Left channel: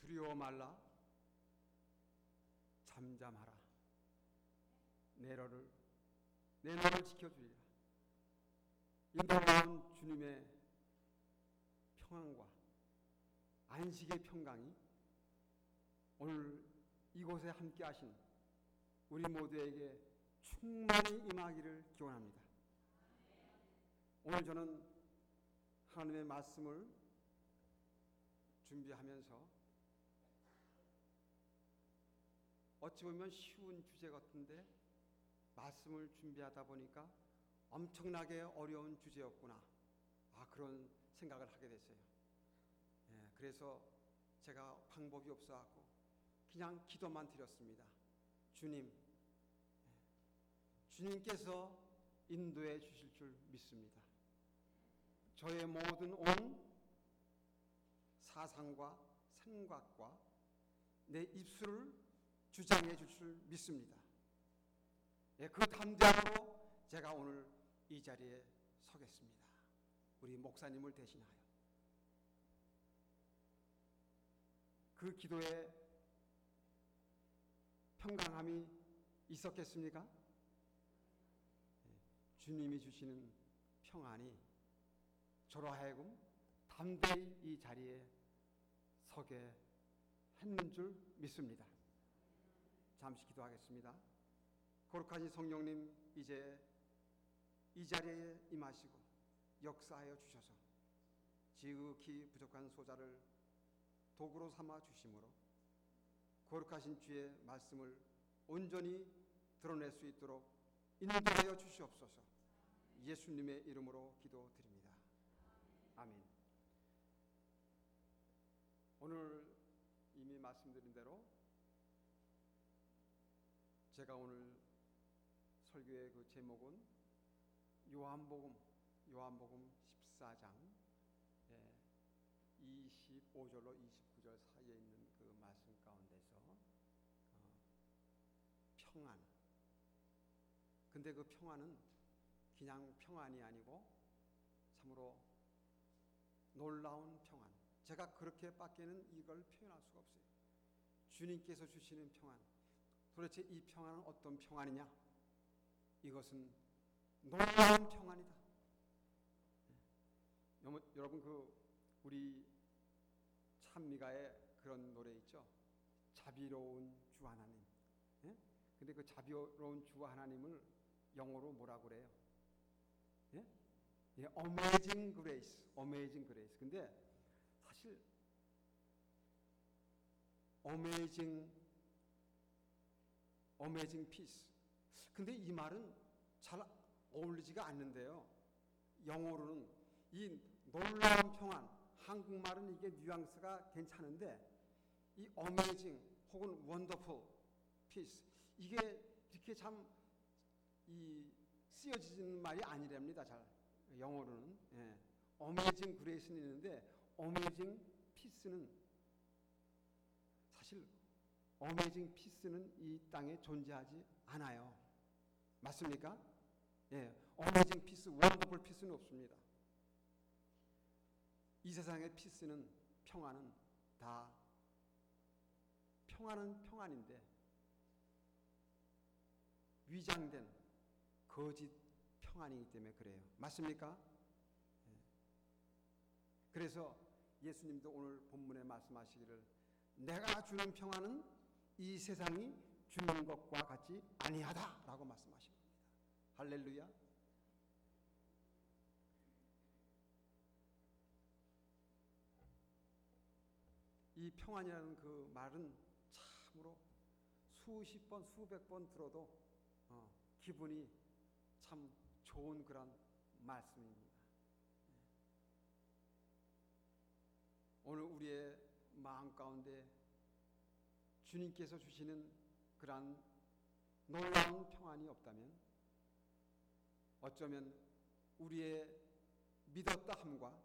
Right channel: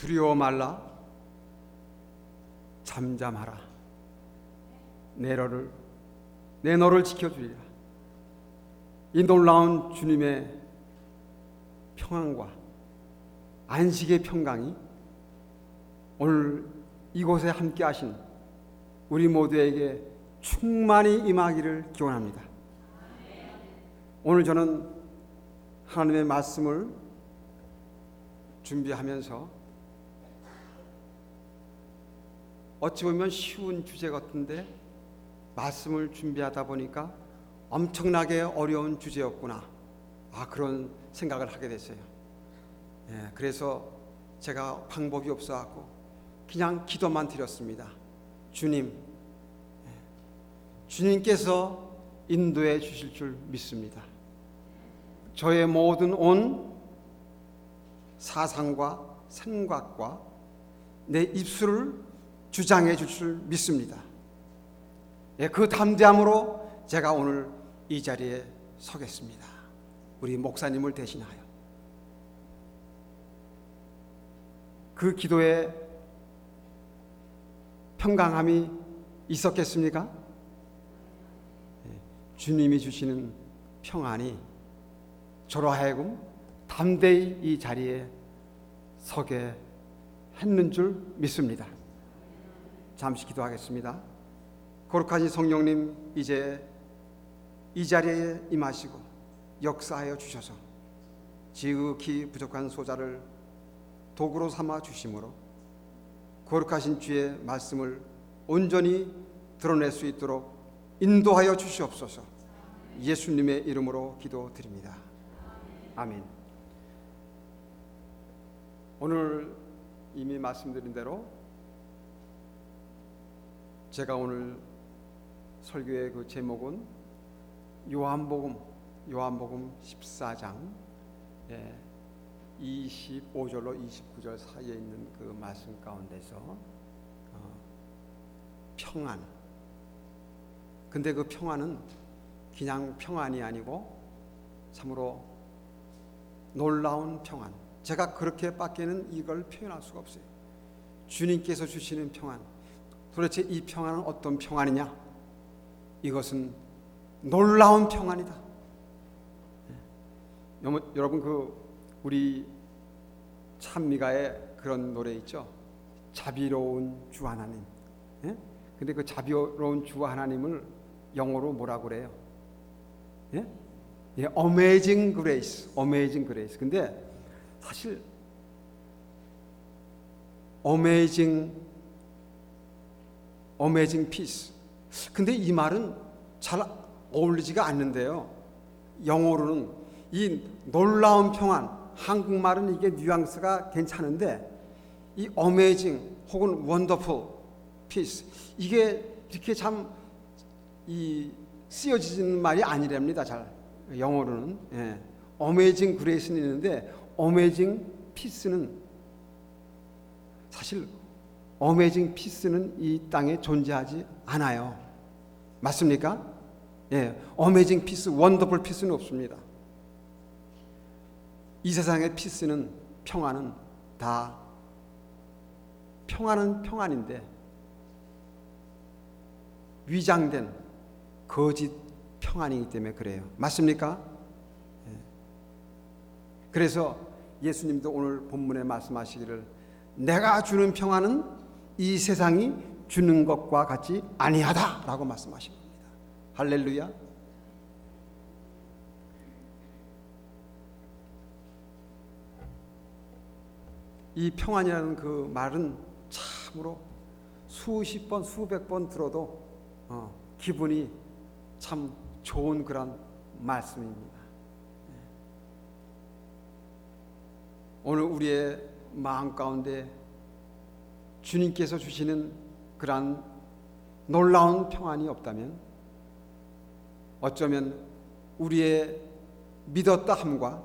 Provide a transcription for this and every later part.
두려워 말라. 잠잠하라. 내 너를 지켜주리라. 이 놀라운 주님의 평안과 안식의 평강이 오늘 이곳에 함께 하신 우리 모두에게 충만히 임하기를 기원합니다. 오늘 저는 하나님의 말씀을 준비하면서 어찌 보면 쉬운 주제 같은데 말씀을 준비하다 보니까 엄청나게 어려운 주제였구나, 그런 생각을 하게 됐어요. 그래서 제가 방법이 없어갖고 그냥 기도만 드렸습니다. 주님께서 인도해 주실 줄 믿습니다. 저의 모든 온 사상과 생각과 내 입술을 주장해 주실 줄 믿습니다. 그 담대함으로 제가 오늘 이 자리에 서겠습니다. 우리 목사님을 대신하여. 그 기도에 평강함이 있었겠습니까? 주님이 주시는 평안이 저로 하여금 담대히 이 자리에 서게 했는 줄 믿습니다. 잠시 기도하겠습니다. 거룩하신 성령님, 이제 이 자리에 임하시고 역사하여 주셔서 지극히 부족한 소자를 도구로 삼아 주심으로 거룩하신 주의 말씀을 온전히 드러낼 수 있도록 인도하여 주시옵소서. 예수님의 이름으로 기도드립니다. 아멘. 오늘 이미 말씀드린 대로 제가 오늘 설교의 그 제목은 요한복음 14장 25절로 29절 사이에 있는 그 말씀 가운데서 평안. 근데 그 평안은 그냥 평안이 아니고 참으로 놀라운 평안. 제가 그렇게밖에는 이걸 표현할 수가 없어요. 주님께서 주시는 평안. 도대체 이 평안은 어떤 평안이냐? 이것은 놀라운 평안이다. 여러분, 그 우리 찬미가의 그런 노래 있죠? 자비로운 주 하나님. 근데 그 자비로운 주 하나님을 영어로 뭐라고 그래요? Amazing Grace. Amazing Grace. 근데 사실 Amazing Peace. 근데 이 말은 잘 어울리지가 않는데요. 영어로는 이 놀라운 평안, 한국말은 이게 뉘앙스가 괜찮은데 이 Amazing 혹은 Wonderful Peace, 이게 이렇게 참 쓰여지는 말이 아니랍니다. 잘 영어로는. Amazing Grace는 있는데 Amazing Peace는 사실 Amazing Peace는 이 땅에 존재하지 않아요. 맞습니까? Amazing Peace, Wonderful Peace는 없습니다. 이 세상의 피스는, 평안은 다 평안은 평안인데 위장된 거짓 평안이기 때문에 그래요. 맞습니까? 그래서 예수님도 오늘 본문에 말씀하시기를 내가 주는 평안은 이 세상이 주는 것과 같이 아니하다라고 말씀하신 겁니다. 할렐루야. 이 평안이라는 그 말은 참으로 수십 번, 수백 번 들어도 기분이 참 좋은 그런 말씀입니다. 오늘 우리의 마음 가운데 주님께서 주시는 그러한 놀라운 평안이 없다면 어쩌면 우리의 믿었다 함과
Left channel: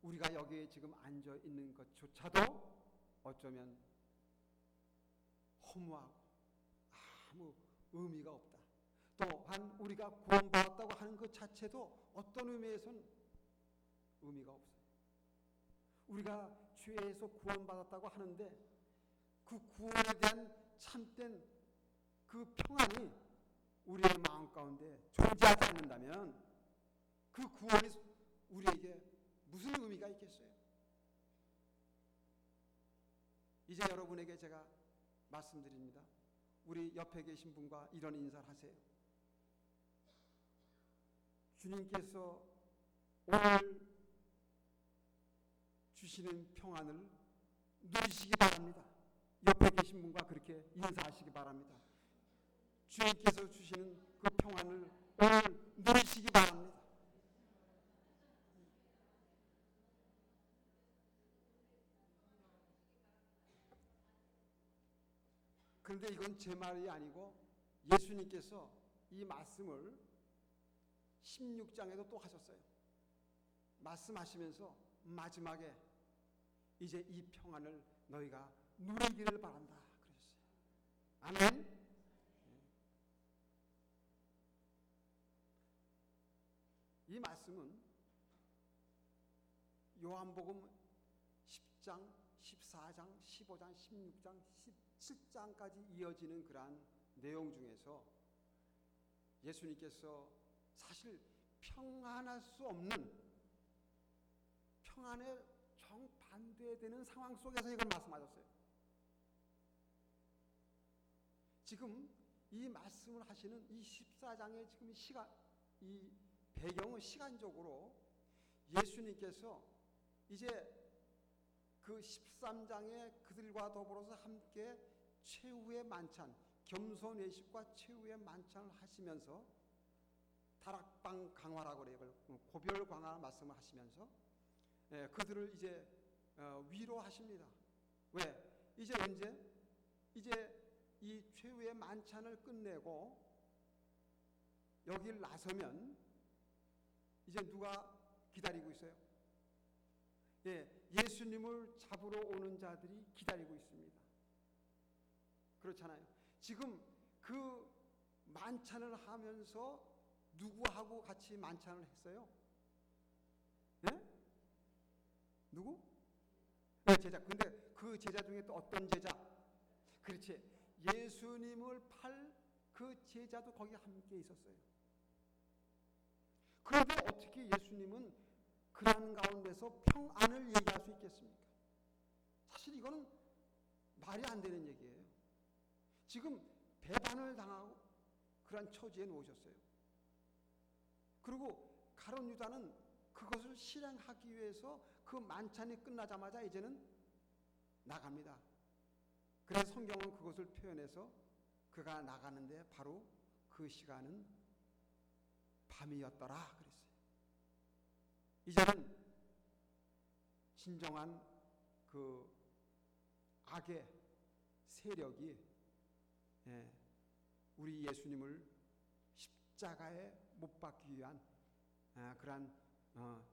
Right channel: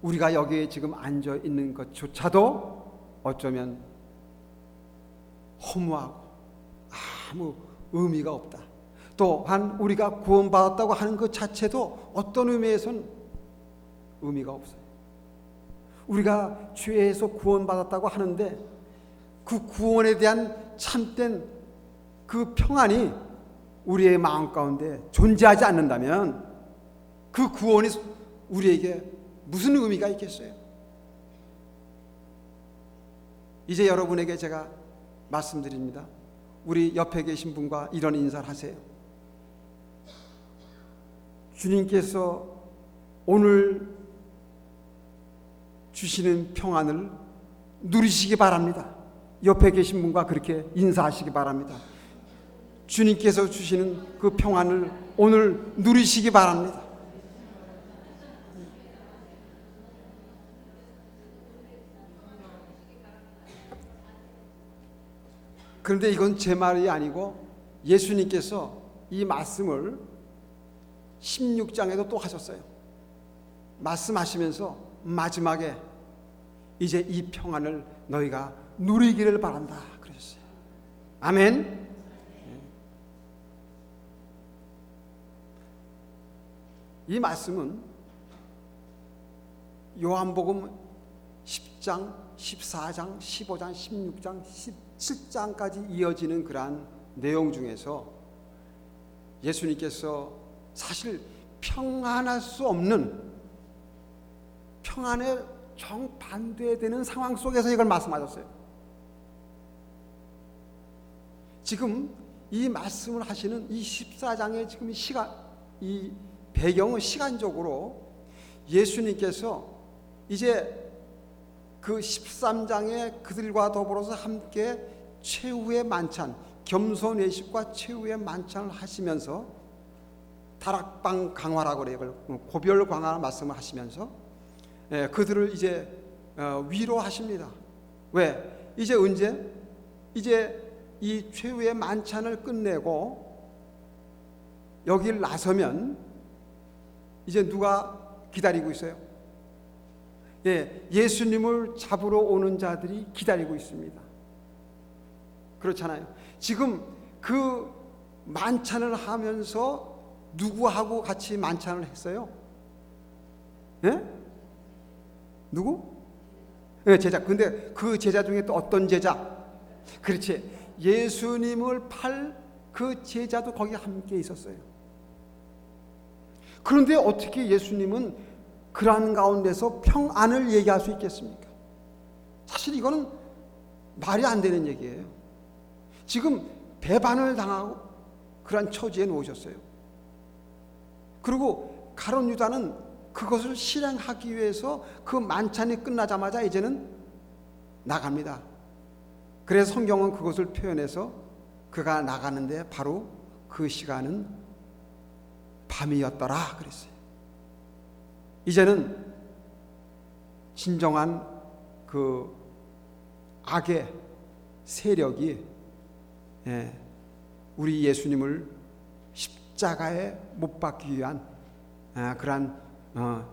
우리가 여기에 지금 앉아 있는 것조차도 어쩌면 허무하고 아무 의미가 없다. 또한 우리가 구원받았다고 하는 것 자체도 어떤 의미에서는 의미가 없어요. 우리가 죄에서 구원받았다고 하는데 그 구원에 대한 참된 그 평안이 우리의 마음 가운데 존재하지 않는다면 그 구원이 우리에게 무슨 의미가 있겠어요? 이제 여러분에게 제가 말씀드립니다. 우리 옆에 계신 분과 이런 인사를 하세요. 주님께서 오늘 주시는 평안을 누리시기 바랍니다. 옆에 계신 분과 그렇게 인사하시기 바랍니다. 주님께서 주시는 그 평안을 오늘 누리시기 바랍니다. 그런데 이건 제 말이 아니고 예수님께서 이 말씀을 16장에도 또 하셨어요. 말씀하시면서 마지막에 이제 이 평안을 너희가 누리기를 바란다 그러셨어요. 아멘. 이 말씀은 요한복음 10장, 14장, 15장, 16장, 17장까지 이어지는 그러한 내용 중에서 예수님께서 사실 평안할 수 없는 평안에 정반대되는 상황 속에서 이걸 말씀하셨어요. 지금 이 말씀을 하시는 이 14장의 지금 이 배경은 시간적으로 예수님께서 이제 그 13장에 그들과 더불어서 함께 최후의 만찬, 겸손회식과 최후의 만찬을 하시면서 다락방 강화라고 그래요. 고별 강화 말씀을 하시면서 그들을 이제 위로하십니다. 왜? 이제 언제? 이제 이 최후의 만찬을 끝내고 여길 나서면 이제 누가 기다리고 있어요? 예수님을 잡으러 오는 자들이 기다리고 있습니다. 그렇잖아요. 지금 그 만찬을 하면서 누구하고 같이 만찬을 했어요? 예? 누구? 제자. 근데 그 제자 중에 또 어떤 제자? 그렇지. 예수님을 팔 그 제자도 거기 함께 있었어요. 그런데 어떻게 예수님은 그러한 가운데서 평안을 얘기할 수 있겠습니까? 사실 이거는 말이 안 되는 얘기예요. 지금 배반을 당하고 그러한 처지에 놓으셨어요. 그리고 가룟 유다는 그것을 실행하기 위해서 그 만찬이 끝나자마자 이제는 나갑니다. 그래서 성경은 그것을 표현해서 그가 나가는데 바로 그 시간은 밤이었더라 그랬어요. 이제는 진정한 그 악의 세력이 우리 예수님을 십자가에 못 박기 위한 그러한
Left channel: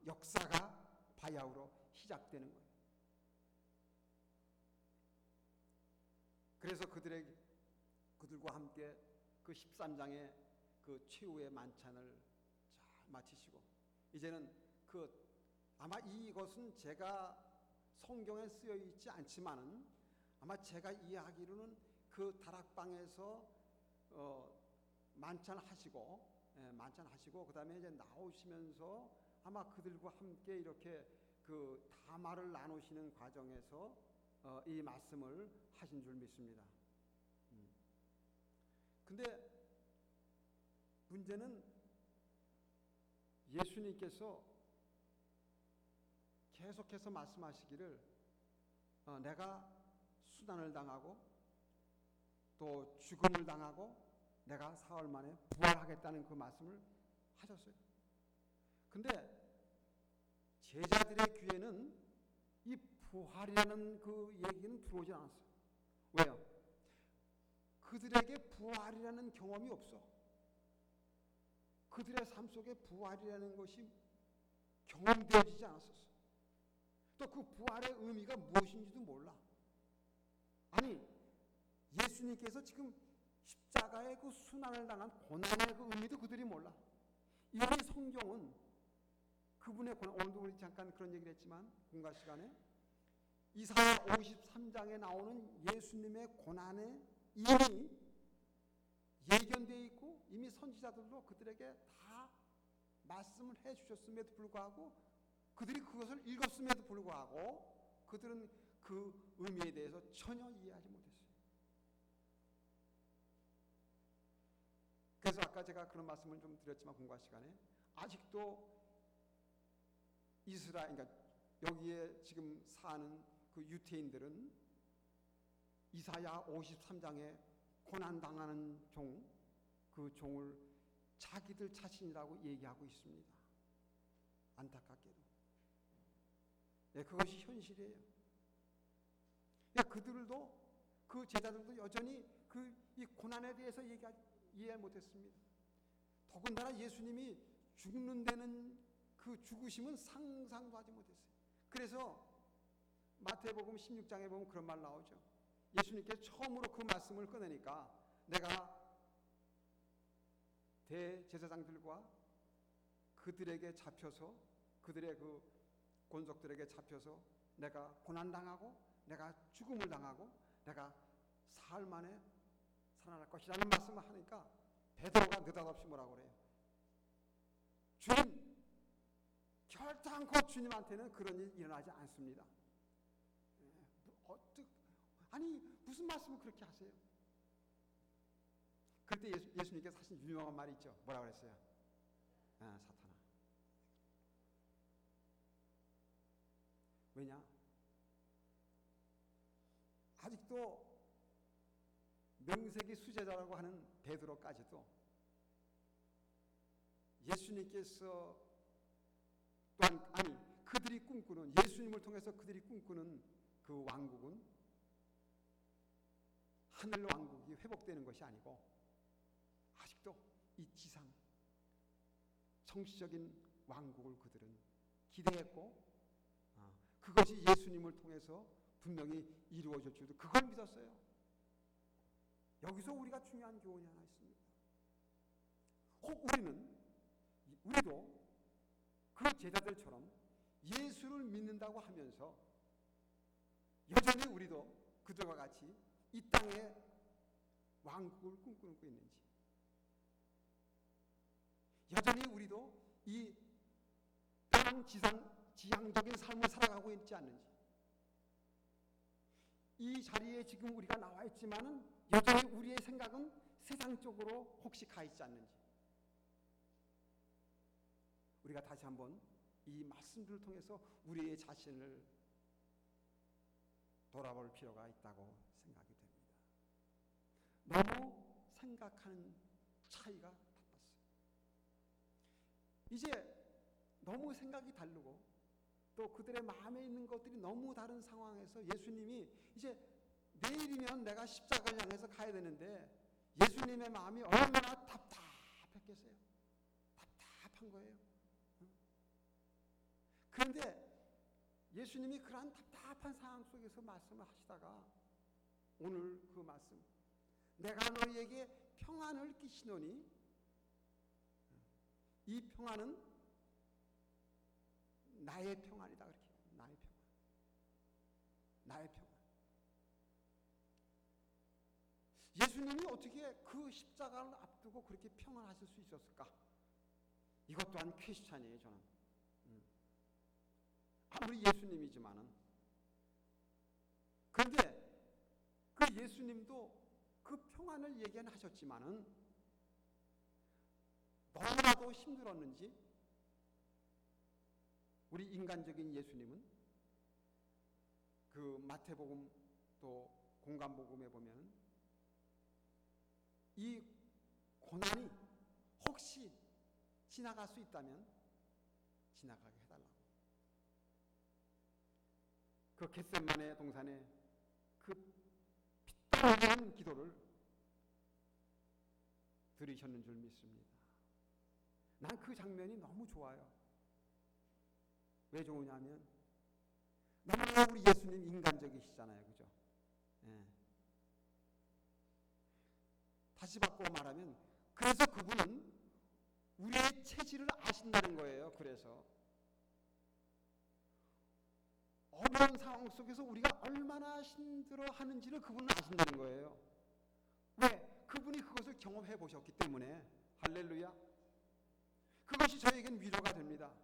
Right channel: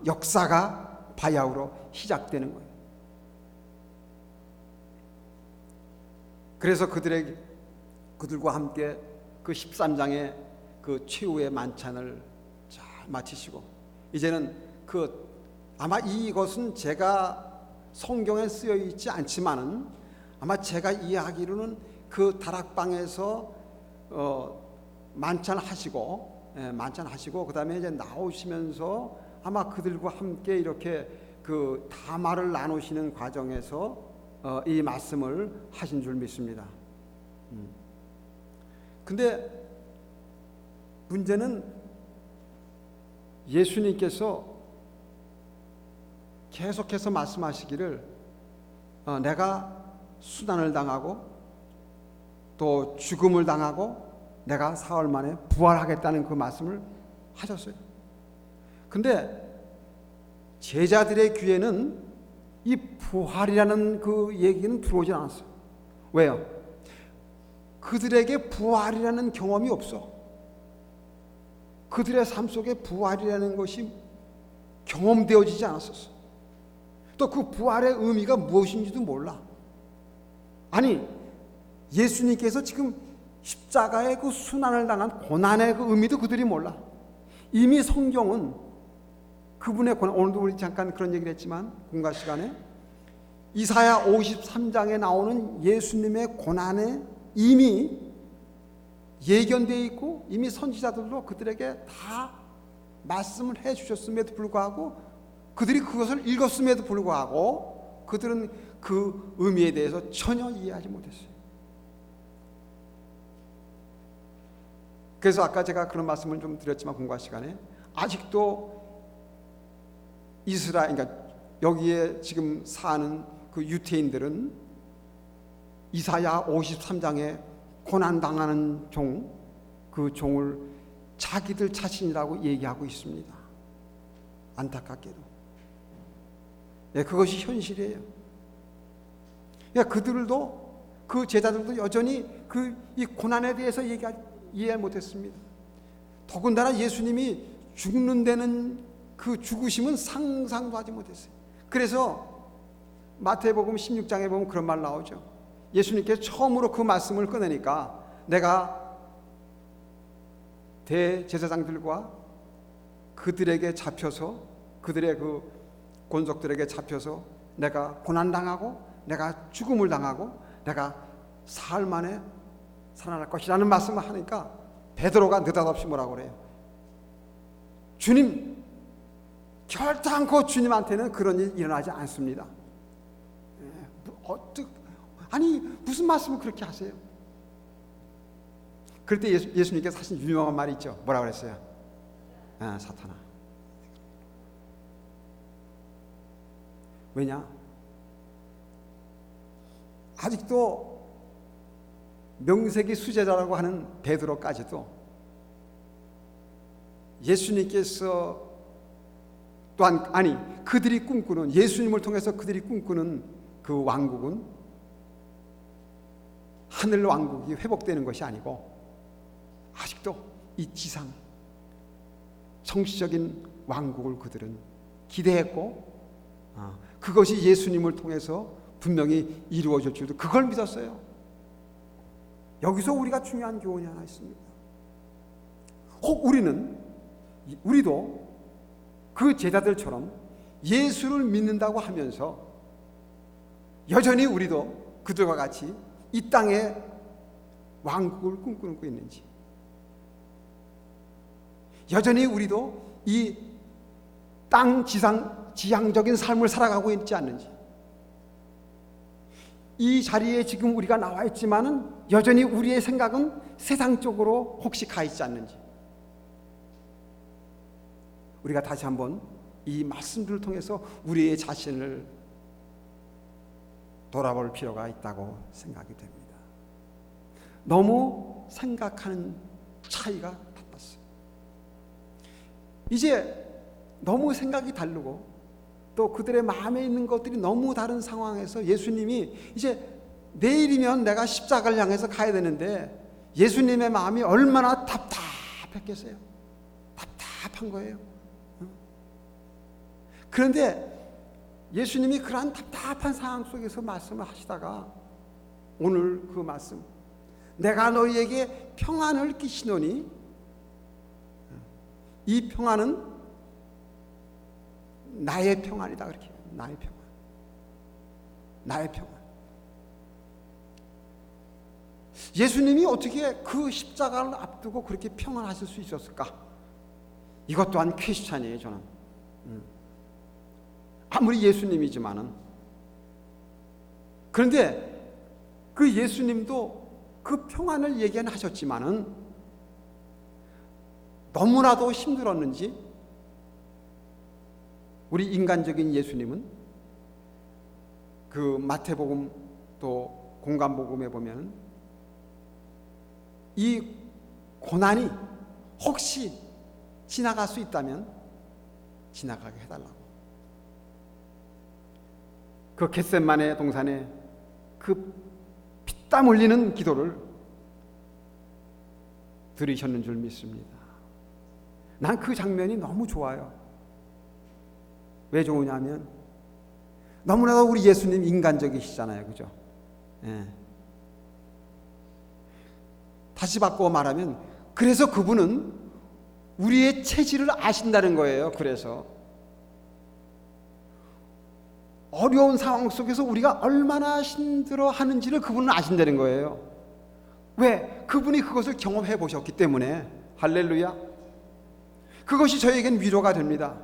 역사가 바야흐로 시작되는 거예요. 그래서 그들과 함께 그 13장의 그 최후의 만찬을 잘 마치시고 이제는 아마 이것은 제가 성경에 쓰여 있지 않지만은 아마 제가 이해하기로는 그 다락방에서 만찬하시고 그다음에 이제 나오시면서 아마 그들과 함께 이렇게 그 담화를 나누시는 과정에서 이 말씀을 하신 줄 믿습니다. 근데 문제는 예수님께서 계속해서 말씀하시기를 내가 수난을 당하고 또 죽음을 당하고 내가 사흘 만에 부활하겠다는 그 말씀을 하셨어요. 근데 제자들의 귀에는 이 부활이라는 그 얘기는 들어오지 않았어요. 왜요? 그들에게 부활이라는 경험이 없어. 그들의 삶 속에 부활이라는 것이 경험되어지지 않았었어. 또 그 부활의 의미가 무엇인지도 몰라. 아니, 예수님께서 지금 십자가의 그 순환을 당한 고난의 그 의미도 그들이 몰라. 이미 성경은 그분의 고난, 오늘도 우리 잠깐 그런 얘기를 했지만 공과 시간에 이사야 53장에 나오는 예수님의 고난에 이미 예견되어 있고 이미 선지자들도 그들에게 다 말씀을 해 주셨음에도 불구하고 그들이 그것을 읽었음에도 불구하고 그들은 그 의미에 대해서 전혀 이해하지 못했어요. 그래서 아까 제가 그런 말씀을 좀 드렸지만 공부할 시간에 아직도 이스라엘, 그러니까 여기에 지금 사는 그 유태인들은 이사야 53장에 고난당하는 종, 그 종을 자기들 자신이라고 얘기하고 있습니다. 안타깝게도. 예, 그것이 현실이에요. 그러니까 그들도, 그 제자들도 여전히 이 고난에 대해서 이해 못했습니다. 더군다나 예수님이 죽는 데는 그 죽으심은 상상도 하지 못했어요. 그래서 마태복음 16장에 보면 그런 말 나오죠. 예수님께서 처음으로 그 말씀을 꺼내니까 내가 대제사장들과 그들에게 잡혀서 그들의 그 권속들에게 잡혀서 내가 고난당하고 내가 죽음을 당하고 내가 사흘 만에 살아날 것이라는 말씀을 하니까 베드로가 느닷없이 뭐라고 그래요? 주님, 결단코 주님한테는 그런 일이 일어나지 않습니다. 아니 무슨 말씀을 그렇게 하세요? 그럴 때 예수님께서 하신 유명한 말이 있죠. 뭐라고 그랬어요? 사탄아. 왜냐? 아직도 명색이 수제자라고 하는 베드로까지도 예수님께서 또한 그들이 꿈꾸는, 예수님을 통해서 그들이 꿈꾸는 그 왕국은 하늘 왕국이 회복되는 것이 아니고 아직도 이 지상 정치적인 왕국을 그들은 기대했고 그것이 예수님을 통해서 분명히 이루어질 줄도 그걸 믿었어요. 여기서 우리가 중요한 교훈이 하나 있습니다. 혹 우리도 그 제자들처럼 예수를 믿는다고 하면서 여전히 우리도 그들과 같이 이 땅에 왕국을 꿈꾸고 있는지, 여전히 우리도 이 땅 지향적인 삶을 살아가고 있지 않는지, 이 자리에 지금 우리가 나와 있지만은 여전히 우리의 생각은 세상 쪽으로 혹시 가 있지 않는지, 우리가 다시 한번 이 말씀들을 통해서 우리의 자신을 돌아볼 필요가 있다고 생각이 됩니다. 너무 생각하는 차이가 달랐어요. 이제 너무 생각이 다르고 또 그들의 마음에 있는 것들이 너무 다른 상황에서 예수님이 이제 내일이면 내가 십자가를 향해서 가야 되는데 예수님의 마음이 얼마나 답답했겠어요. 답답한 거예요. 그런데 예수님이 그러한 답답한 상황 속에서 말씀을 하시다가 오늘 그 말씀, 내가 너희에게 평안을 끼치노니 이 평안은 나의 평안이다. 그렇게 나의 평안, 나의 평안. 예수님이 어떻게 그 십자가를 앞두고 그렇게 평안하실 수 있었을까? 이것 또한 퀘스천이에요. 저는 아무리 예수님이지만은, 그런데 그 예수님도 그 평안을 얘기는 하셨지만은 너무나도 힘들었는지 우리 인간적인 예수님은 그 마태복음 또 공관복음에 보면 이 고난이 혹시 지나갈 수 있다면 지나가게 해달라고, 그 겟세마네 동산에 그 피땀 흘리는 기도를 들으셨는 줄 믿습니다. 난 그 장면이 너무 좋아요. 왜 좋으냐면 너무나도 우리 예수님 인간적이시잖아요. 그죠? 예. 다시 바꿔 말하면 그래서 그분은 우리의 체질을 아신다는 거예요. 그래서 어려운 상황 속에서 우리가 얼마나 힘들어 하는지를 그분은 아신다는 거예요. 왜? 그분이 그것을 경험해 보셨기 때문에. 할렐루야. 그것이 저에겐 위로가 됩니다.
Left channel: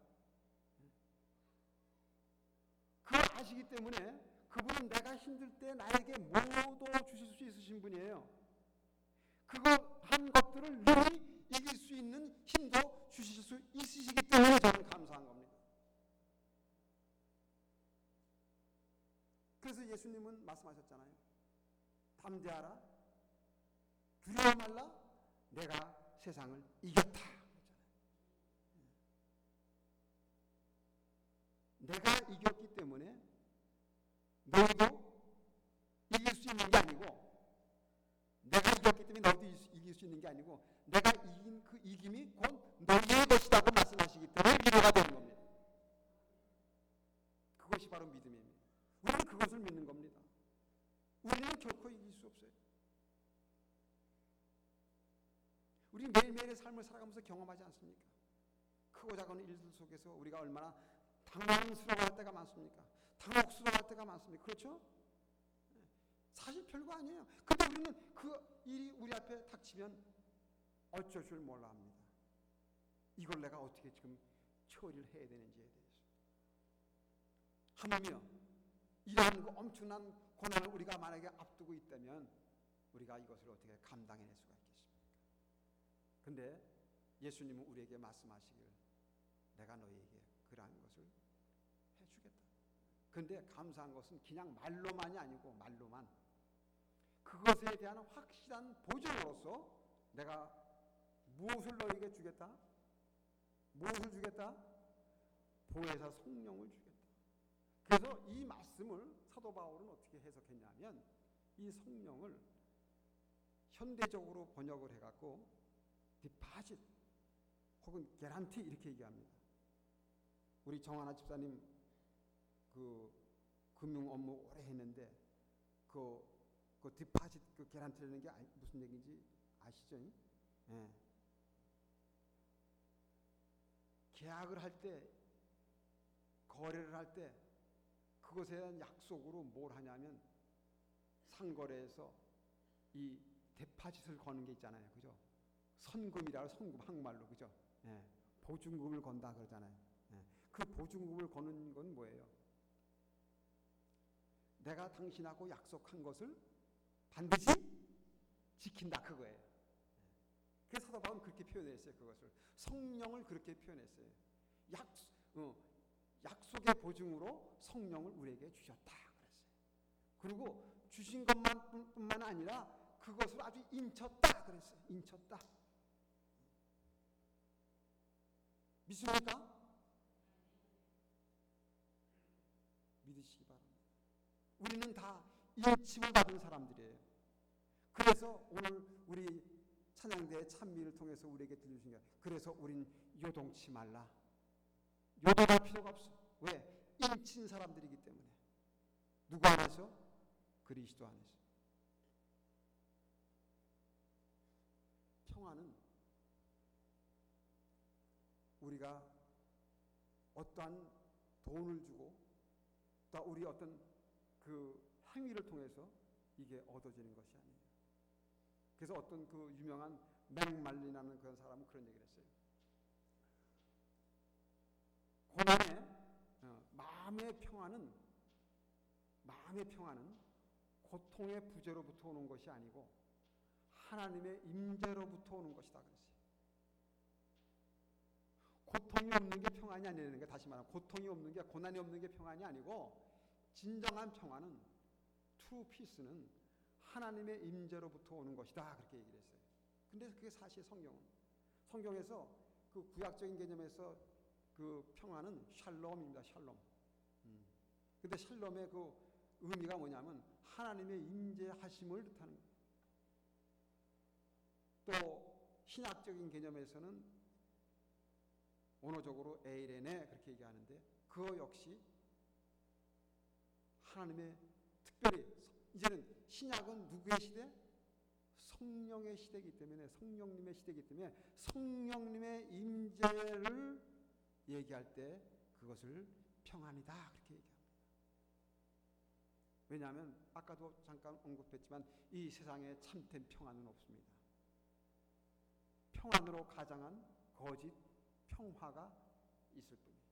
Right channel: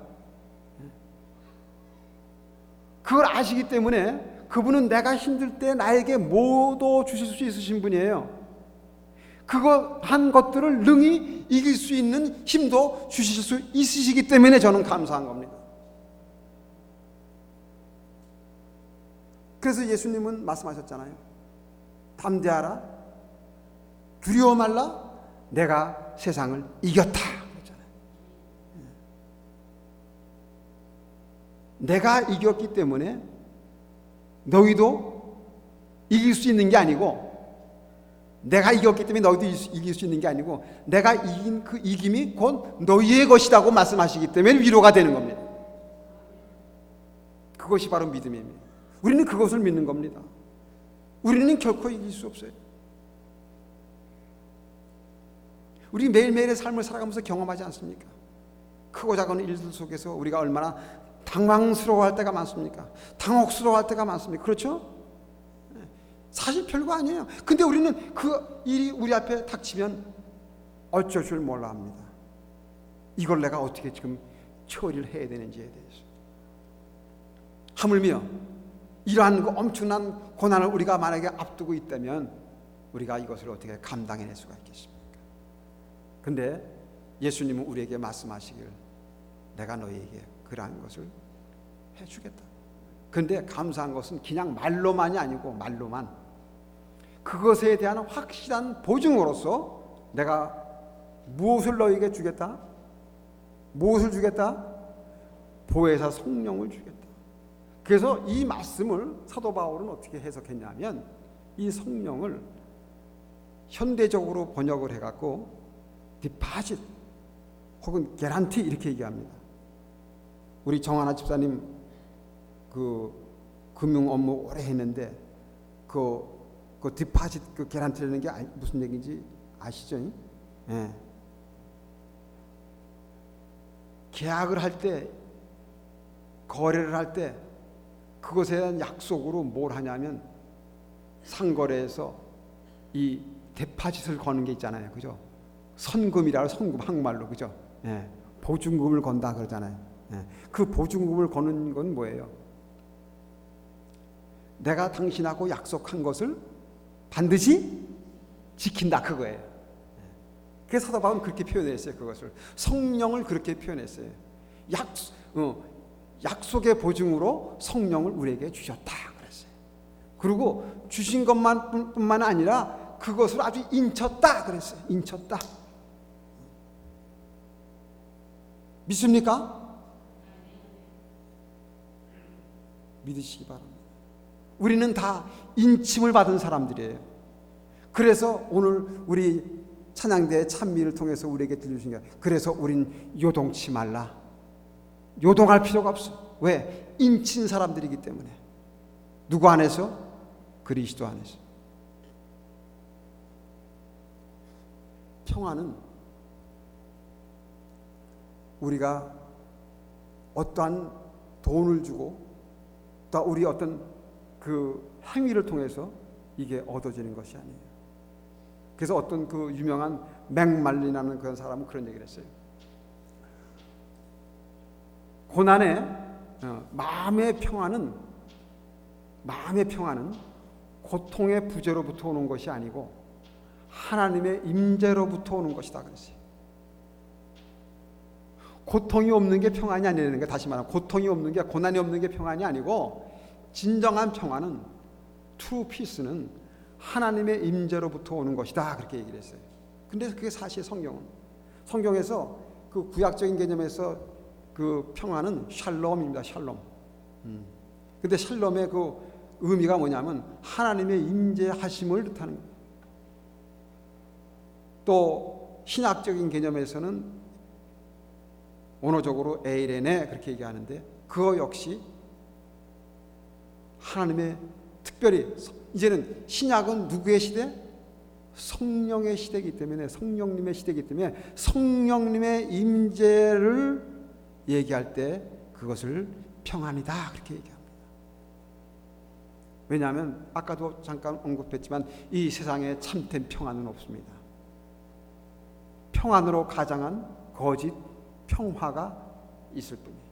그걸 아시기 때문에 그분은 내가 힘들 때 나에게 모두 주실 수 있으신 분이에요. 그거 한 것들을 능히 이길 수 있는 힘도 주실 수 있으시기 때문에 저는 감사한 겁니다. 그래서 예수님은 말씀하셨잖아요. 담대하라, 두려워 말라, 내가 세상을 이겼다. 그랬잖아요. 내가 이겼기 때문에 너희도 이길 수 있는 게 아니고, 내가 이겼기 때문에 너희도 이길 수 있는 게 아니고, 내가 이긴 그 이김이 곧 너희의 것이라고 말씀하시기 때문에 위로가 되는 겁니다. 그것이 바로 믿음입니다. 우리는 그것을 믿는 겁니다. 우리는 결코 이길 수 없어요. 우리 매일매일의 삶을 살아가면서 경험하지 않습니까? 크고 작은 일들 속에서 우리가 얼마나 당황스러워할 때가 많습니까? 당혹스러워할 때가 많습니까? 그렇죠? 사실 별거 아니에요. 근데 우리는 그 일이 우리 앞에 닥치면 어쩔 줄 몰라 합니다. 이걸 내가 어떻게 지금 처리를 해야 되는지에 대해서. 하물며 이러한 그 엄청난 고난을 우리가 만약에 앞두고 있다면 우리가 이것을 어떻게 감당해낼 수가 있겠습니까? 근데 예수님은 우리에게 말씀하시길, 내가 너희에게 그러한 것을 해주겠다. 근데 감사한 것은 그냥 말로만이 아니고, 말로만 그것에 대한 확실한 보증으로서 내가 무엇을 너희에게 주겠다? 무엇을 주겠다? 보혜사 성령을 주겠다. 그래서 이 말씀을 사도 바울은 어떻게 해석했냐면, 이 성령을 현대적으로 번역을 해갖고 디파짓 혹은 개란티 이렇게 얘기합니다. 우리 정하나 집사님 그 금융 업무 오래 했는데 그 디파짓 그 개란티라는 게 무슨 얘기인지 아시죠? 예. 계약을 할 때, 거래를 할 때 그것에 대한 약속으로 뭘 하냐면 상거래에서 이 디파짓을 거는 게 있잖아요. 그죠? 선금이라고, 선금 한국말로, 그죠? 예. 보증금을 건다 그러잖아요. 예. 그 보증금을 거는 건 뭐예요? 내가 당신하고 약속한 것을 반드시 지킨다, 그거예요. 그래서 사도 바울은 그렇게 표현했어요. 그것을 성령을 그렇게 표현했어요. 약속의 보증으로 성령을 우리에게 주셨다 그랬어요. 그리고 주신 것뿐만 아니라 그것을 아주 인쳤다 그랬어요. 인쳤다. 믿습니까? 믿으시기 바랍니다. 우리는 다 인침을 받은 사람들이에요. 그래서 오늘 우리 찬양대의 찬미를 통해서 우리에게 들려주신 게, 그래서 우린 요동치 말라. 요동할 필요가 없어. 왜? 인친 사람들이기 때문에. 누구 안에서? 그리스도 안에서. 평화는 우리가 어떠한 돈을 주고 또 우리 어떤 그 행위를 통해서 이게 얻어지는 것이 아니에요. 그래서 어떤 그 유명한 맥말린이라는 그런 사람은 그런 얘기를 했어요. 고난의 마음의 평화는 고통의 부재로부터 오는 것이 아니고 하나님의 임재로부터 오는 것이다 그랬어요. 고통이 없는 게 평안이 아니라는 게, 다시 말하면 고통이 없는 게, 고난이 없는 게 평안이 아니고, 진정한 평안은, true peace는 하나님의 임재로부터 오는 것이다 그렇게 얘기를 했어요. 근데 그게 사실 성경에서 그 구약적인 개념에서 그 평안은 샬롬입니다. 샬롬. 근데 샬롬의 그 의미가 뭐냐면 하나님의 임재하심을 뜻하는 거예요. 또 신학적인 개념에서는 언어적으로 에이레네 그렇게 얘기하는데, 그거 역시 하나님의, 특별히 이제는 신약은 누구의 시대? 성령의 시대이기 때문에, 성령님의 시대이기 때문에 성령님의 임재를 얘기할 때 그것을 평안이다 그렇게 얘기합니다. 왜냐하면 아까도 잠깐 언급했지만 이 세상에 참된 평안은 없습니다. 평안으로 가장한 거짓 평화가 있을 뿐이에요.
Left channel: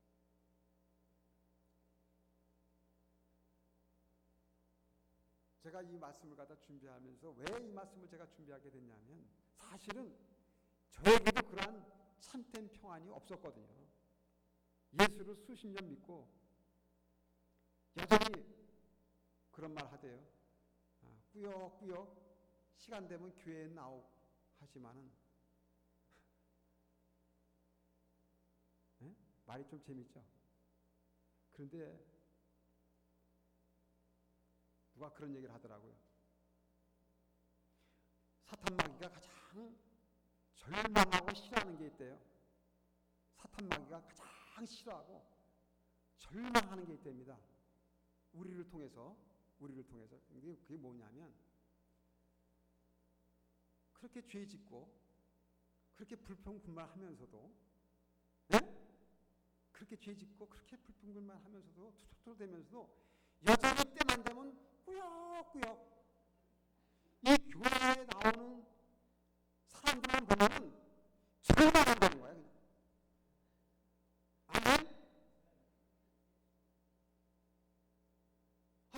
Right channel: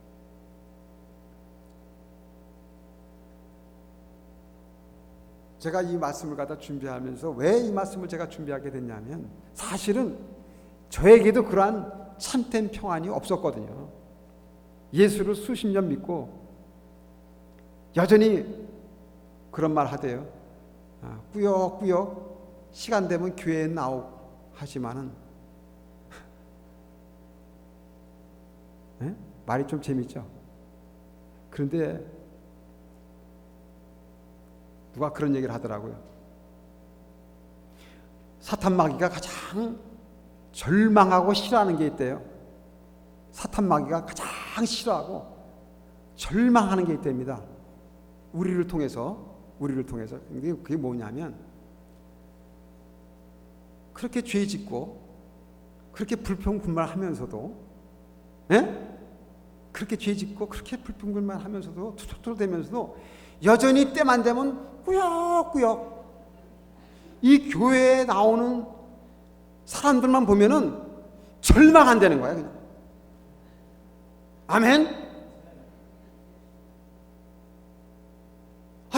제가 이 말씀을 갖다 준비하면서 왜 이 말씀을 제가 준비하게 됐냐면 사실은 저에게도 그러한 참된 평안이 없었거든요. 예수를 수십 년 믿고 여전히 그런 말 하대요. 꾸역꾸역 시간 되면 교회에 나오고 하지만은 말이 좀 재밌죠. 그런데 누가 그런 얘기를 하더라고요. 사탄 마귀가 가장 절망하고 싫어하는 게 있대요. 사탄 마귀가 가장 싫어하고 절망하는 게 있답니다. 우리를 통해서. 그게 뭐냐면 그렇게 죄 짓고 그렇게 불평불만하면서도 그렇게 죄 짓고 그렇게 불평불만하면서도 투덜투덜대면서도 여전히 때만 되면 꾸역꾸역 이 교회에 나오는 사람들만 보면은 절망한다는 거야 그냥. 아멘.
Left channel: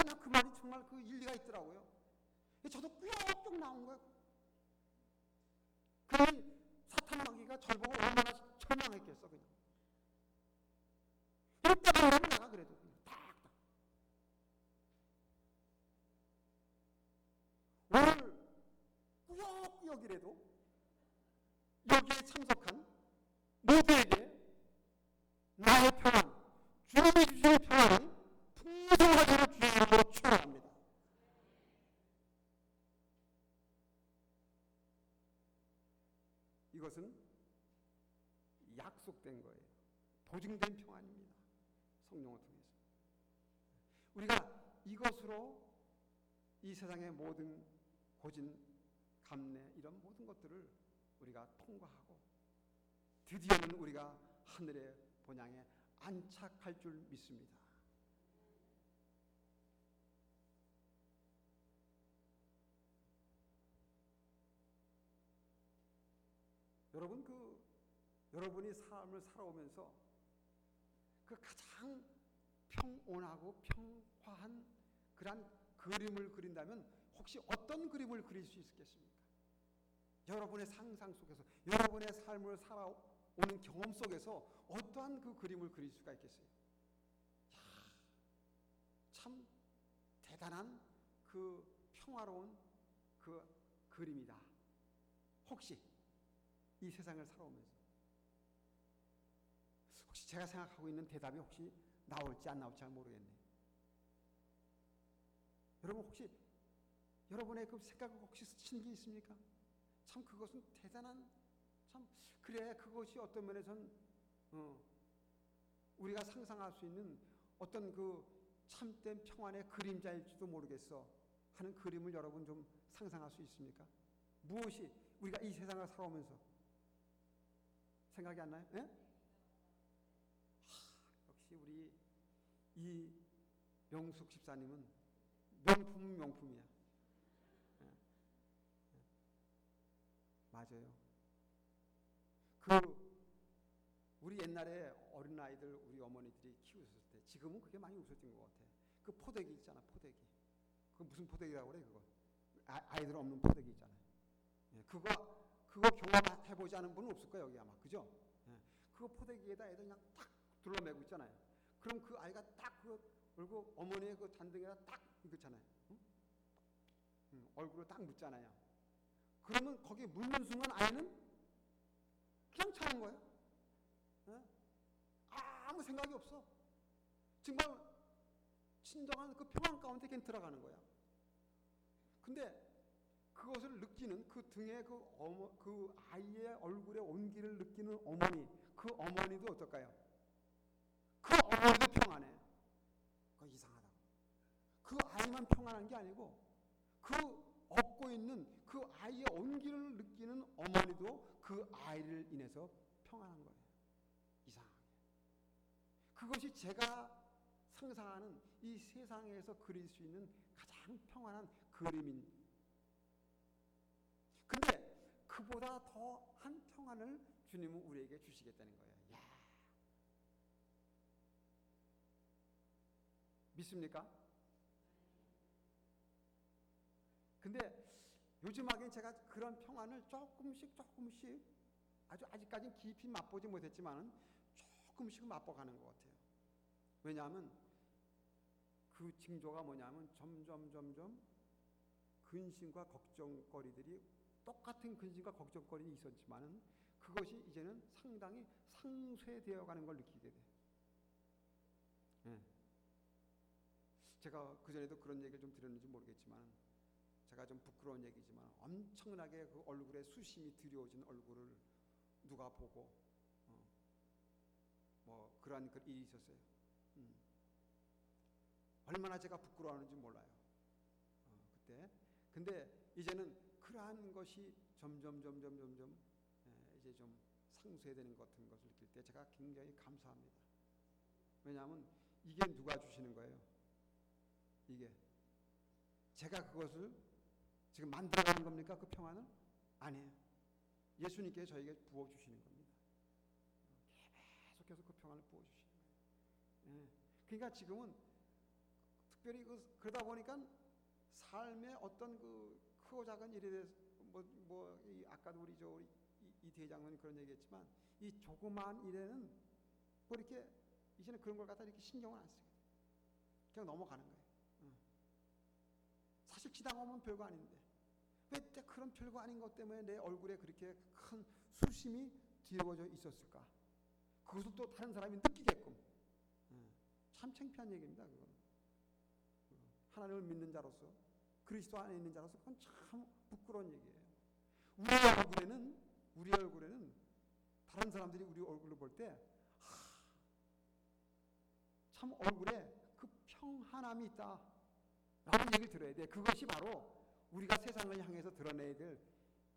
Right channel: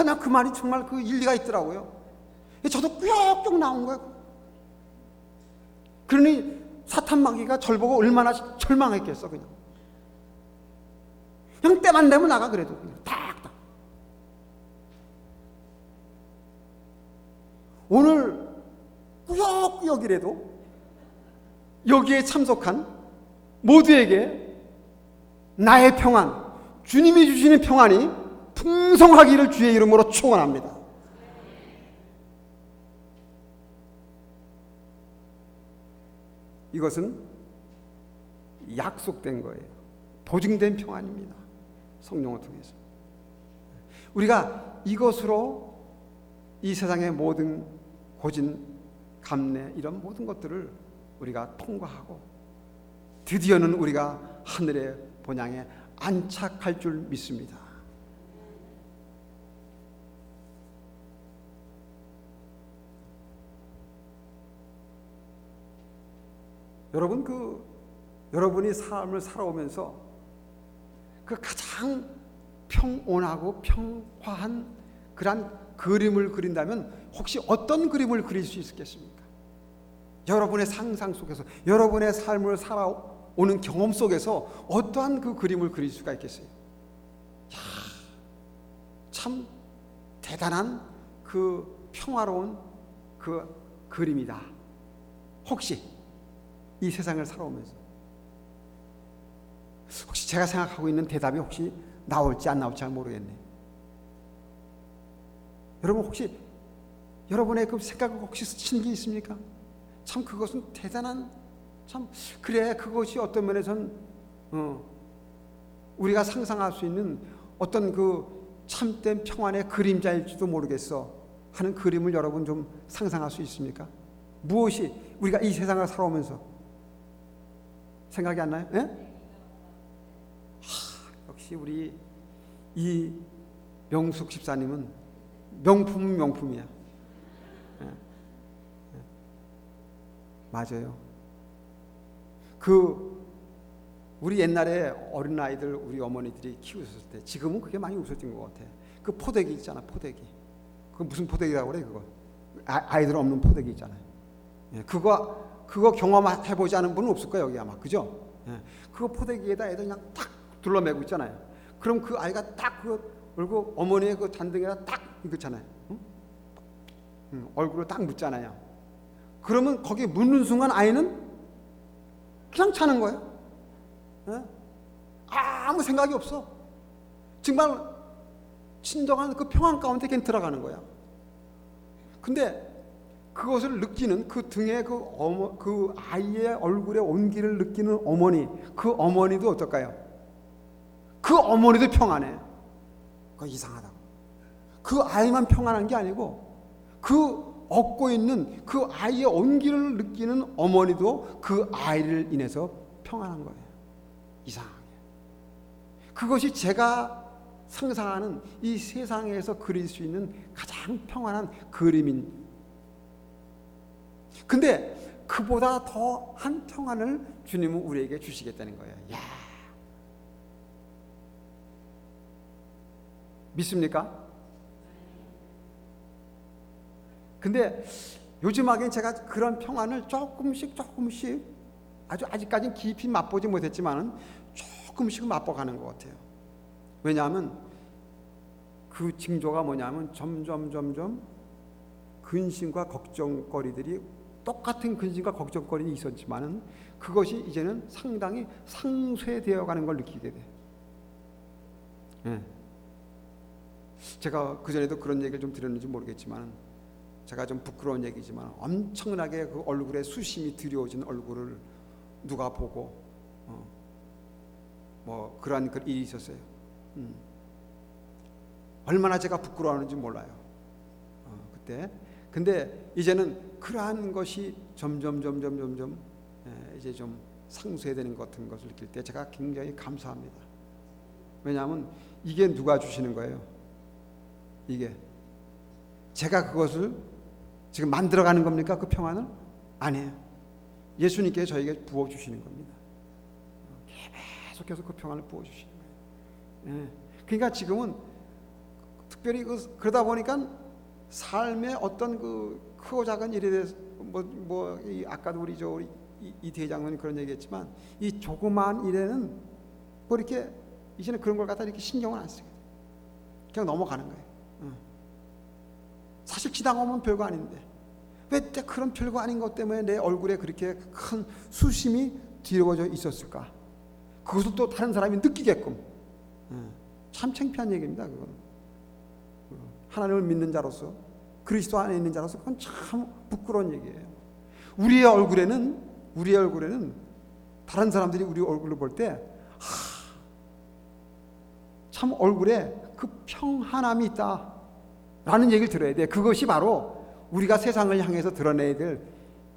나 그 말이 정말 그 일리가 있더라고요. 저도 꾸역꾸역 나온 거예요. 그러니 사탄 마귀가 절 보고 얼마나 절망했겠어 그냥. 그냥 때만 되면 나가 그래도 그냥 탁탁. 오늘 꾸역꾸역이라도 여기에 참석한 모두에게 나의 평안, 주님이 주시는 평안이 풍성하기를 주의 이름으로 축원합니다. 이것은 약속된 거예요. 보증된 평안입니다. 성령을 통해서. 우리가 이것으로 이 세상의 모든 고진, 감래 이런 모든 것들을 우리가 통과하고 드디어는 우리가 하늘의 본향에 안착할 줄 믿습니다. 여러분 여러분이 삶을 살아오면서 그 가장 평온하고 평화한 그런 그림을 그린다면 혹시 어떤 그림을 그릴 수 있겠습니까? 여러분의 상상 속에서 여러분의 삶을 살아오는 경험 속에서 어떠한 그 그림을 그릴 수가 있겠어요? 참 대단한 그 평화로운 그 그림이다. 혹시 이 세상을 살아오면서 혹시 제가 생각하고 있는 대답이 혹시 나올지 안 나올지 잘 모르겠네. 여러분 혹시 여러분의 그 생각을 혹시 스치는 게 있습니까? 참 그것은 대단한 참 그래 그것이 어떤 면에선 우리가 상상할 수 있는 어떤 그 참된 평안의 그림자일지도 모르겠어 하는 그림을 여러분 좀 상상할 수 있습니까? 무엇이 우리가 이 세상을 살아오면서 생각이 안 나요? 역시 우리 이 명숙 집사님은 명품은 명품이야. 맞아요. 우리 옛날에 어린아이들 우리 어머니들이 키우셨을 때 지금은 그게 많이 없어진 것 같아. 그 포대기 있잖아, 포대기. 그 무슨 포대기라고 그래 그거? 아이들 없는 포대기 있잖아요. 그거 경험해보지 않은 분은 없을 거예요 여기 아마. 그죠? 그거 포대기에다 애들 그냥 탁 둘러매고 있잖아요. 그럼 그 아이가 딱 그리고 어머니의 그 단등에다 딱 이거잖아요. 얼굴을 딱 묻잖아요. 그러면 거기 묻는 순간 아이는 그냥 자는 거예요. 아무 생각이 없어. 정말 진정한 그 평안 가운데 그냥 들어가는 거야. 근데 그것을 느끼는 그 등에 그 아이의 얼굴에 온기를 느끼는 어머니, 그 어머니도 어떨까요? 그 어머니도 평안해. 그거 이상하다고. 그 아이만 평안한 게 아니고 그 얻고 있는 그 아이의 온기를 느끼는 어머니도 그 아이를 인해서 평안한 거예요. 이상하게. 그것이 제가 상상하는 이 세상에서 그릴 수 있는 가장 평안한 그림인. 근데 그보다 더한 평안을 주님은 우리에게 주시겠다는 거예요. 야, 믿습니까? 근데 요즘하게 제가 그런 평안을 조금씩 아직까지는 깊이 맛보지 못했지만 조금씩 맛보가는 것 같아요. 왜냐하면 그 징조가 뭐냐면 점점 근심과 걱정거리들이, 똑같은 근심과 걱정거리는 있었지만은 그것이 이제는 상당히 상쇄되어 가는 걸 느끼게 돼. 예. 제가 그전에도 그런 얘기를 좀 드렸는지 모르겠지만, 제가 좀 부끄러운 얘기지만 엄청나게 그 얼굴에 수심이 들여오진 얼굴을 누가 보고 뭐 그러한 그 일이 있었어요. 얼마나 제가 부끄러워하는지 몰라요. 그때. 근데 이제는 그러한 것이 점점 이제 좀 상쇄되는 것 같은 것을 느낄 때 제가 굉장히 감사합니다. 왜냐하면 이게 누가 주시는 거예요? 이게 제가 그것을 지금 만들어가는 겁니까? 그 평안을? 아니에요. 예수님께 저에게 부어주시는 겁니다. 계속해서 그 평안을 부어주시는 거예요. 예. 그러니까 지금은 특별히 그러다 보니까 삶의 어떤 그 크고 작은 일에 대해서 아까도 우리 이 대장님이 그런 얘기했지만, 이 조그마한 일에는 뭐 이렇게 이제는 그런 걸 갖다 이렇게 신경을 안 쓰게 돼. 그냥 넘어가는 거예요. 사실 지나가면 별거 아닌데 왜 그런 별거 아닌 것 때문에 내 얼굴에 그렇게 큰 수심이 뒤집어져 있었을까? 그것을 또 다른 사람이 느끼게끔. 참 창피한 얘기입니다. 그건 하나님을 믿는 자로서, 그리스도 안에 있는 자로서 그건 참 부끄러운 얘기예요. 우리의 얼굴에는 다른 사람들이 우리 얼굴을 볼 때 참 얼굴에 그 평안함이 있다라는 얘기를 들어야 돼. 그것이 바로 우리가 세상을 향해서 드러내야 될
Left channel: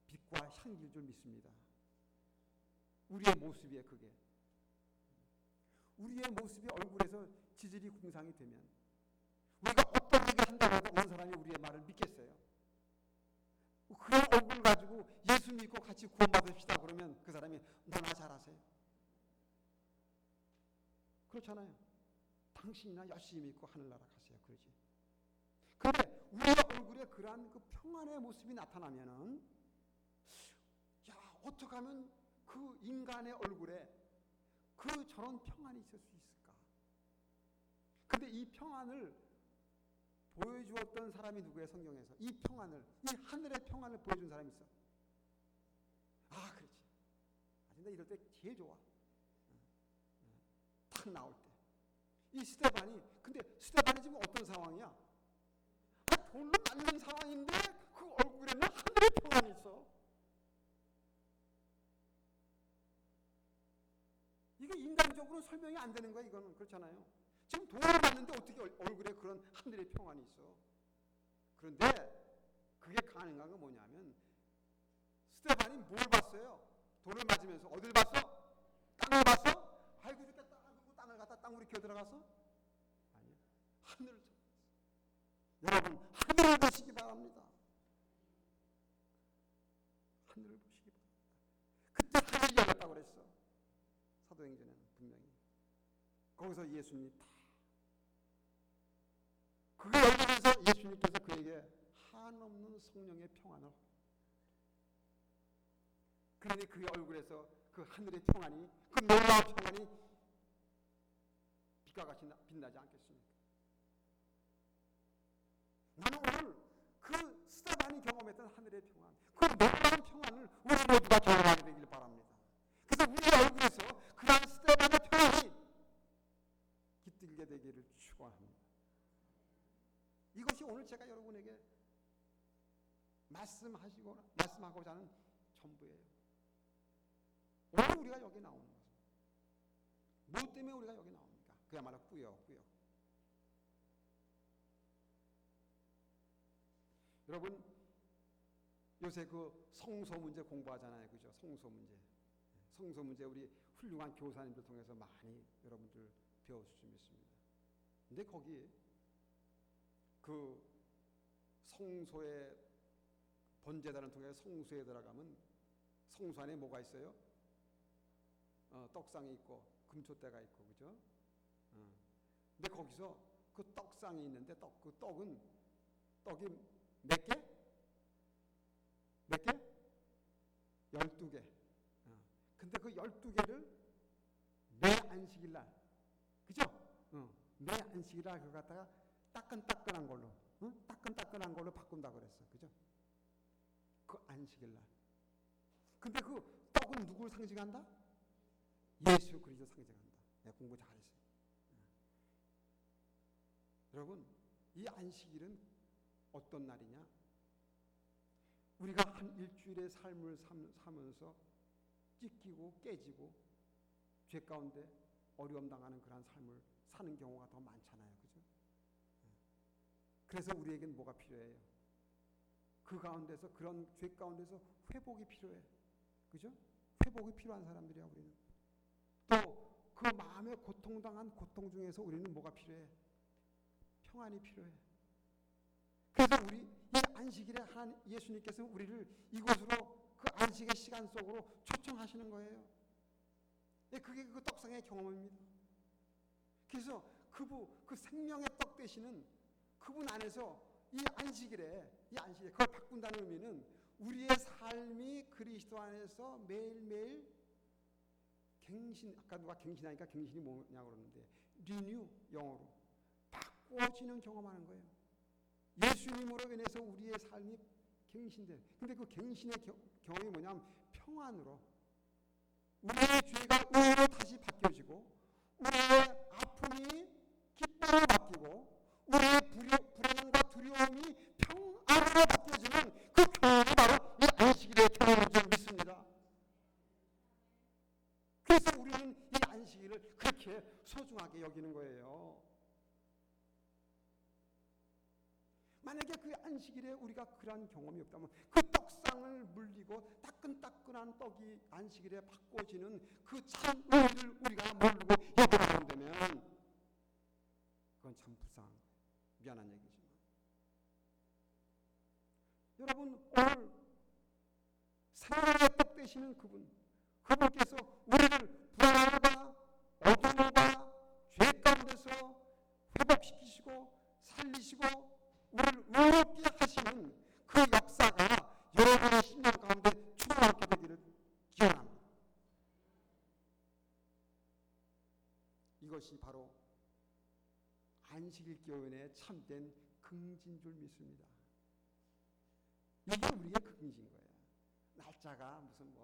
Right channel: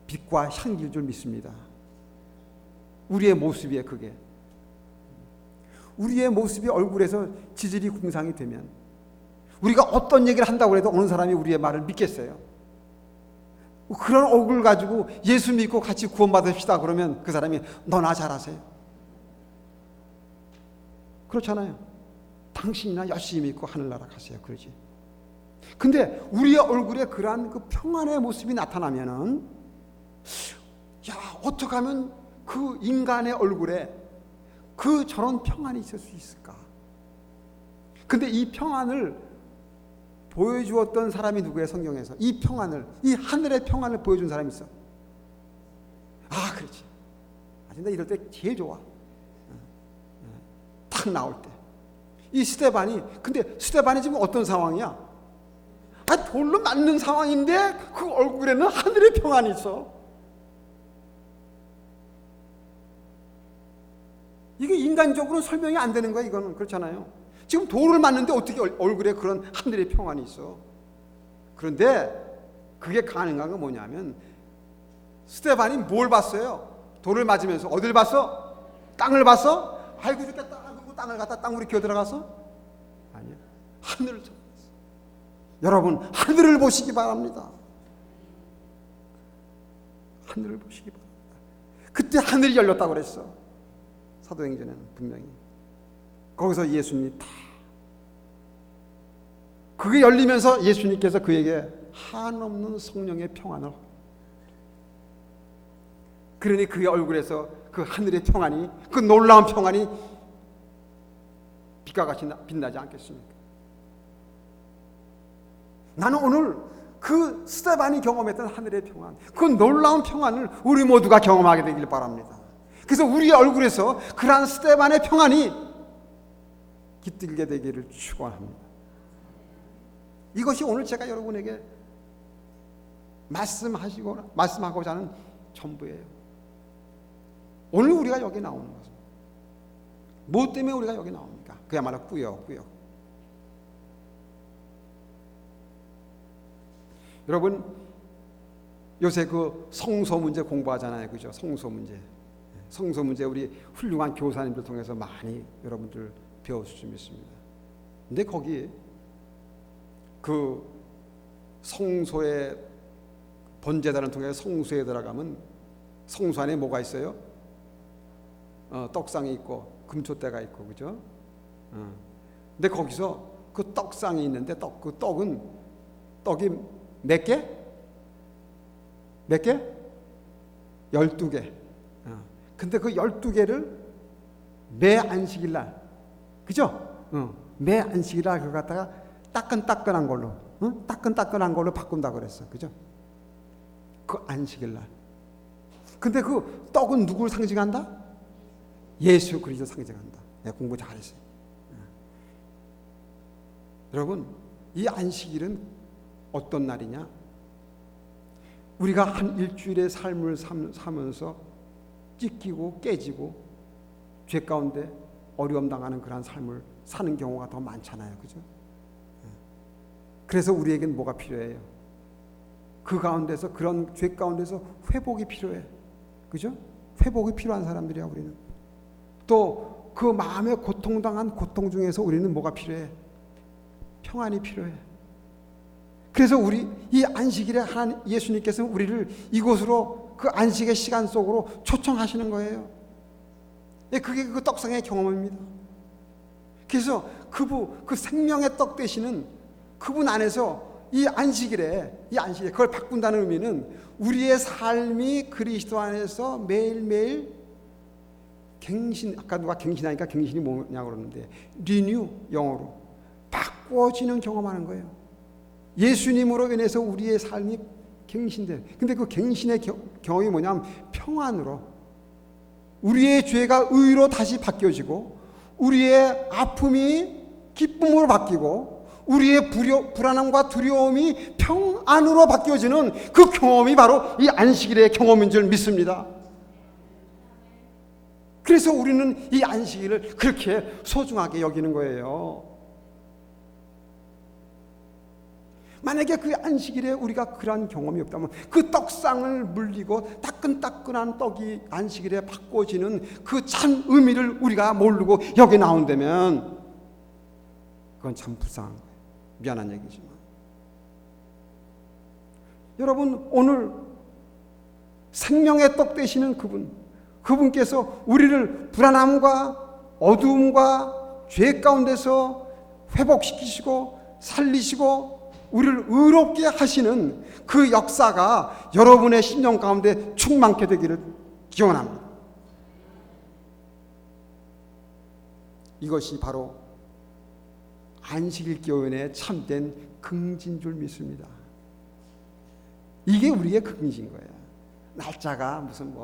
빛과 향기일 줄 믿습니다. 우리의 모습이에요. 그게 우리의 모습이 얼굴에서 지질이 궁상이 되면, 우리가 어떤 얘기를 한다고 해도 어느 사람이 우리의 말을 믿겠어요? 그런 얼굴 가지고 예수 믿고 같이 구원받읍시다 그러면 그 사람이 너나 잘하세요? 그렇잖아요. 당신이나 열심히 믿고 하늘나라 가세요. 그러지. 근데 우리의 얼굴에 그러한 그 평안의 모습이 나타나면은, 야, 어떻게 하면 그 인간의 얼굴에 그 저런 평안이 있을 수 있을까? 근데 이 평안을 보여주었던 사람이 누구예요? 성경에서 이 평안을, 이 하늘의 평안을 보여준 사람이 있어. 그렇지. 근데 이럴 때 제일 좋아. 딱 나올 때. 이 스데반이, 근데 스데반이 지금 어떤 상황이야? 돌로 맞는 상황인데 그 얼굴에는 하늘의 평안이 있어. 이게 인간적으로 설명이 안 되는 거야. 이거는 그렇잖아요. 지금 돌을 맞는데 어떻게 얼굴에 그런 하늘의 평안이 있어? 그런데 그게 가능한 건 뭐냐면, 스데반이 뭘 봤어요? 돌을 맞으면서 어딜 봤어? 땅을 봤어? 아이고 이렇게 땅을 갖다 땅으로 기어 들어가서? 아니야. 하늘을 쳤어. 여러분, 하늘을 보시기 바랍니다. 하늘을 보시기 바랍니다. 그때 하늘이 열렸다고 그랬어. 사도행전에는 분명히. 거기서 예수님이 다, 그게 열리면서 예수님께서 그에게 한없는 성령의 평안을, 그러니 그의 얼굴에서 그 하늘의 평안이, 그 놀라운 평안이 빛과 같이 빛나지 않겠습니까? 나는 오늘 그 스데반이 경험했던 하늘의 평안, 그 놀라운 평안을 우리 모두가 경험하게 되길 바랍니다. 그래서 우리의 얼굴에서 그러한 스데반의 평안이 깃들게 되기를 축원합니다. 이것이 오늘 제가 여러분에게 말씀하고자 하는 전부예요. 오늘 우리가 여기 나오는 것은 무엇 때문에 우리가 여기 나옵니까? 그야말로 꾸역꾸역. 여러분, 요새 그 성소 문제 공부하잖아요. 그죠? 성소 문제 우리 훌륭한 교사님들 통해서 많이 여러분들 배웠을 수 있습니다. 근데 거기 그 성소에 번제단을 통해 성소에 들어가면 성소 안에 뭐가 있어요? 떡상이 있고 금초대가 있고, 그죠? 근데 거기서 그 떡상이 있는데 그 떡이 몇 개? 몇 개? 12개. 근데 그 12개를 매 안식일 날, 그죠? 매 안식일 날 그거 갖다가 따끈따끈한 걸로, 따끈따끈한 걸로 바꾼다 그랬어, 그죠? 그 안식일 날. 근데 그 떡은 누구를 상징한다? 예수 그리스도 상징한다. 내가 공부 잘했어요. 여러분, 이 안식일은 어떤 날이냐? 우리가 한 일주일의 삶을 사면서 찢기고 깨지고 죄 가운데 어려움 당하는 그런 삶을 사는 경우가 더 많잖아요, 그죠? 그래서 우리에겐 뭐가 필요해요? 그 가운데서, 그런 죄 가운데서 회복이 필요해, 그죠? 회복이 필요한 사람들이야 우리는. 또 그 마음에 고통당한 고통 중에서 우리는 뭐가 필요해? 평안이 필요해. 그래서 우리 이 안식일에 하나님 예수님께서는 우리를 이곳으로, 그 안식의 시간 속으로 초청하시는 거예요. 그게 그 떡상의 경험입니다. 그래서 그 생명의 떡 되시는 그분 안에서 이 안식일에 그걸 바꾼다는 의미는 우리의 삶이 그리스도 안에서 매일매일 아까 누가 갱신하니까 갱신이 뭐냐고 그러는데 리뉴, 영어로 바꿔지는 경험하는 거예요. 예수님으로 인해서 우리의 삶이 갱신돼. 근데 그 갱신의 경험이 뭐냐면 평안으로, 우리의 죄가 의로 다시 바뀌어지고, 우리의 아픔이 기쁨으로 바뀌고, 우리의 불안함과 두려움이 평안으로 바뀌어지는 그 경험이 바로 이 안식일의 경험인 줄 믿습니다. 그래서 우리는 이 안식일을 그렇게 소중하게 여기는 거예요. 만약에 그 안식일에 우리가 그러한 경험이 없다면, 그 떡상을 물리고 따끈따끈한 떡이 안식일에 바꿔지는 그 참 의미를 우리가 모르고 여기 나온다면 그건 참 불쌍한 거예요. 미안한 얘기지만. 여러분, 오늘 생명의 떡 되시는 그분께서 우리를 불안함과 어두움과 죄 가운데서 회복시키시고 살리시고 우리를 의롭게 하시는 그 역사가 여러분의 심령 가운데 충만케 되기를 기원합니다. 이것이 바로 안식일 교인의 참된 긍지인 줄 믿습니다. 이게 우리의 긍지인 거예요. 날짜가 무슨 1, 2,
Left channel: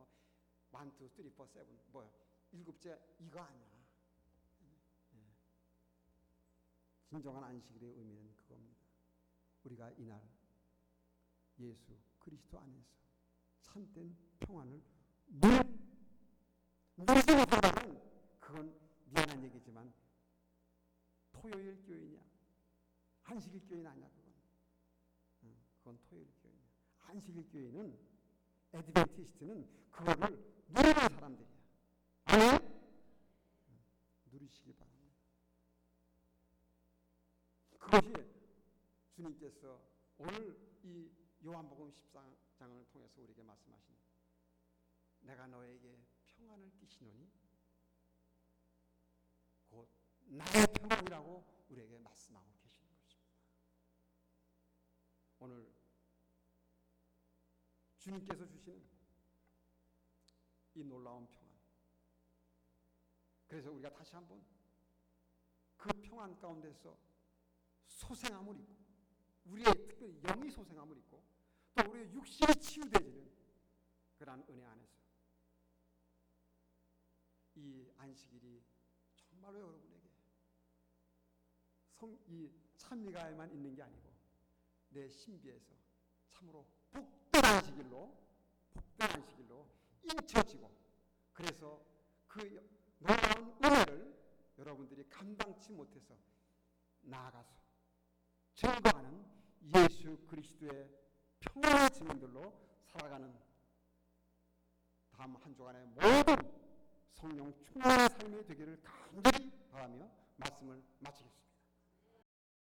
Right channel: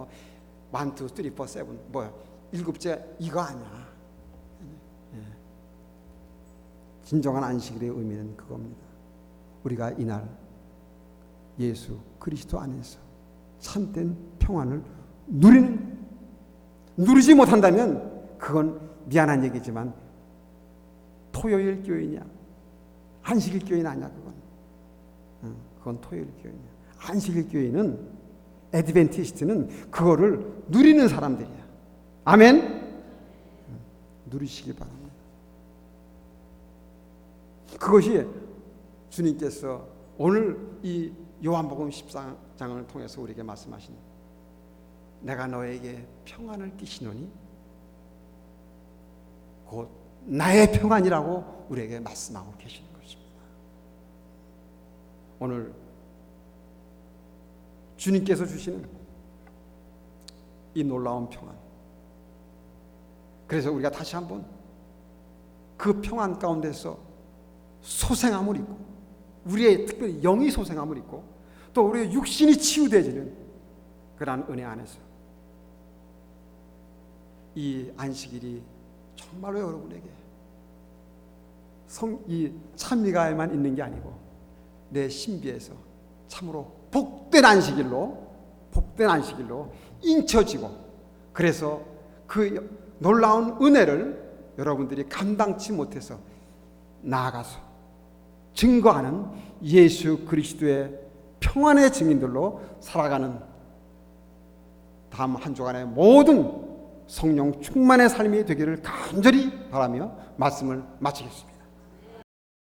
3, 4, 7 일곱째 이거 아니야. 진정한 안식일의 의미는 그겁니다. 우리가 이날 예수 그리스도 안에서 참된 평안을 누리지 못한다면 그건 미안한 얘기지만 토요일 교인이야. 안식일 교인 아니야. 그건 토요일 교인이야. 안식일 교인은, 애드벤티스트는 그거를 누리는 사람들이야. 아멘. 누리시길 바랍니다. 그것이 주님께서 오늘 이 요한복음 14장을 통해서 우리에게 말씀하신, 내가 너에게 평안을 끼치노니 곧 나의 평안이라고 우리에게 말씀하고 계시는 것입니다. 오늘 주님께서 주시는 이 놀라운 평안, 그래서 우리가 다시 한번 그 평안 가운데서 소생함을 입고, 우리의 특별히 영이 소생함을 입고, 또 우리의 육신이 치유되어지는 그러한 은혜 안에서 이 안식일이 정말로 여러분에게 이 찬미가에만 있는 게 아니고 내 신비에서 참으로 복된 안식일로 인쳐지고, 그래서 그 놀라운 은혜를 여러분들이 감당치 못해서 나아가서 증거하는 예수 그리스도의 평안의 증인들로 살아가는 다음 한 주간의 모든 성령 충만의 삶이 되기를 간절히 바라며 말씀을 마치겠습니다.